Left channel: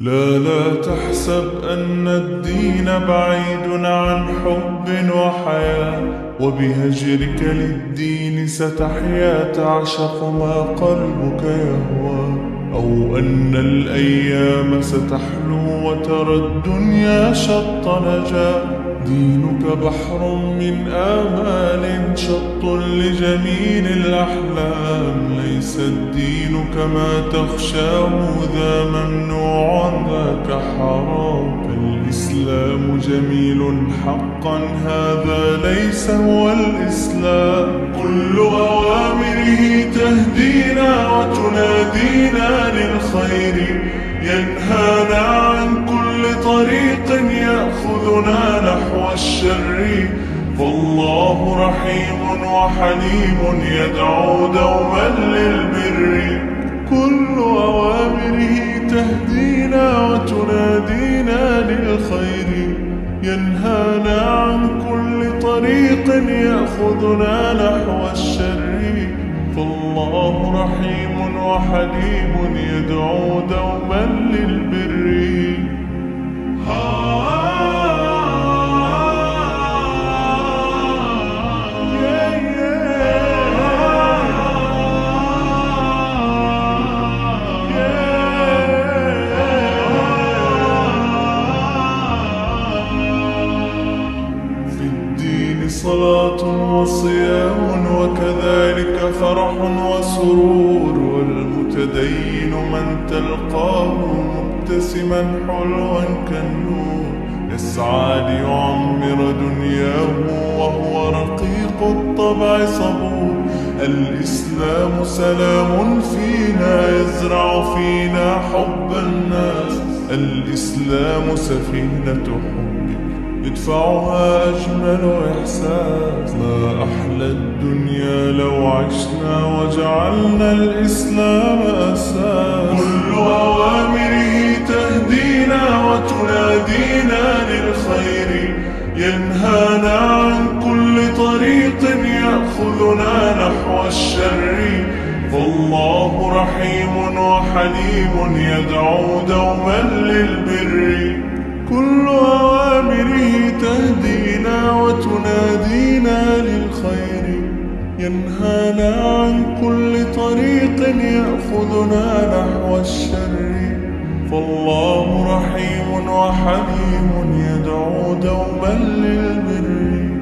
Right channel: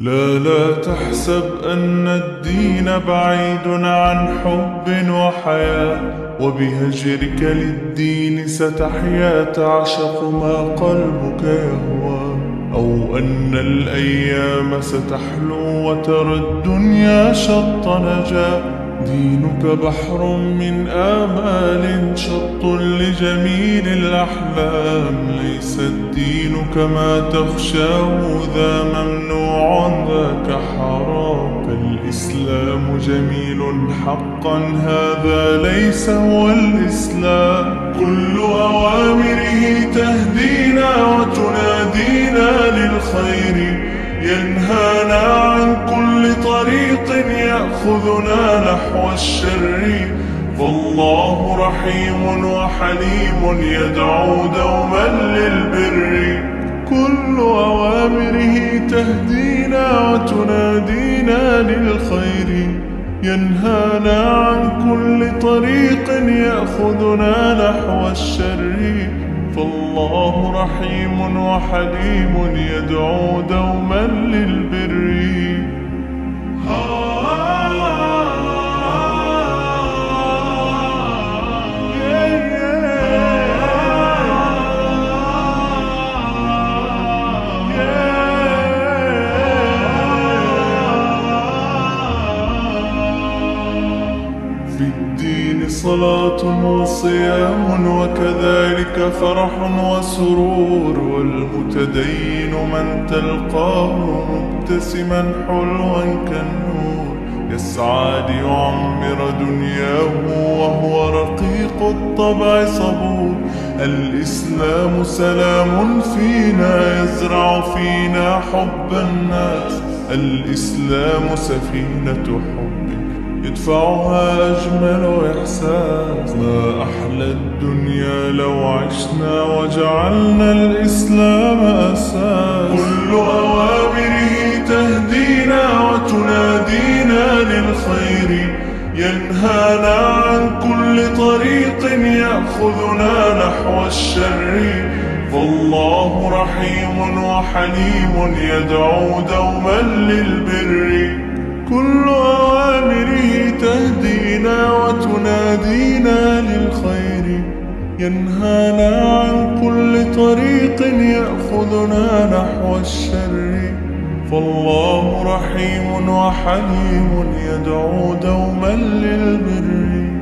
لا تحسب أن الدين بعيد عن حب وحياة، وبهجرك للدين ستحيا تعشق ما قلبك يهوى، أو أن الأيام ستحلو وترى الدنيا شط نجاة. دينك بحر من آمال شط لجميل الأحلام، ليس الدين كما تخشاه ذا ممنوع ذاك حرام. فالإسلام جميل حقا هذا ليس هو الإسلام، كل أوامره تهدينا وتنادينا للخير، ينهانا عن كل طريق يأخذنا نحو الشر. فالله رحيم وحليم يدعو دوما للبر، كل أوامره تهدينا وتنادينا للخير، ينهانا عن كل طريق يأخذنا نحو الشر. فالله رحيم وحليم يدعو دوما للبر. في الدين صلاة وصيام وكذلك فرح وسرور، والمتدين من تلقاه مبتسما حلوا كالنور، يسعى ليعمر دنياه وهو رقيق الطبع صبور. الإسلام سلام فينا يزرع فينا حب الناس، الإسلام سفينة حب يدفعها أجمل إحساس. ما أحلى الدنيا لو عشنا وجعلنا الإسلام أساس، كل أوامره تهدينا وتنادينا للخير، ينهانا عن كل طريق يأخذنا نحو الشر. فالله رحيم وحليم يدعو دوما للبر، كل أوامره تهدينا وتنادينا للخير، ينهانا عن كل طريق يأخذنا نحو الشر. فالله رحيم وحليم يدعو دوما للبر.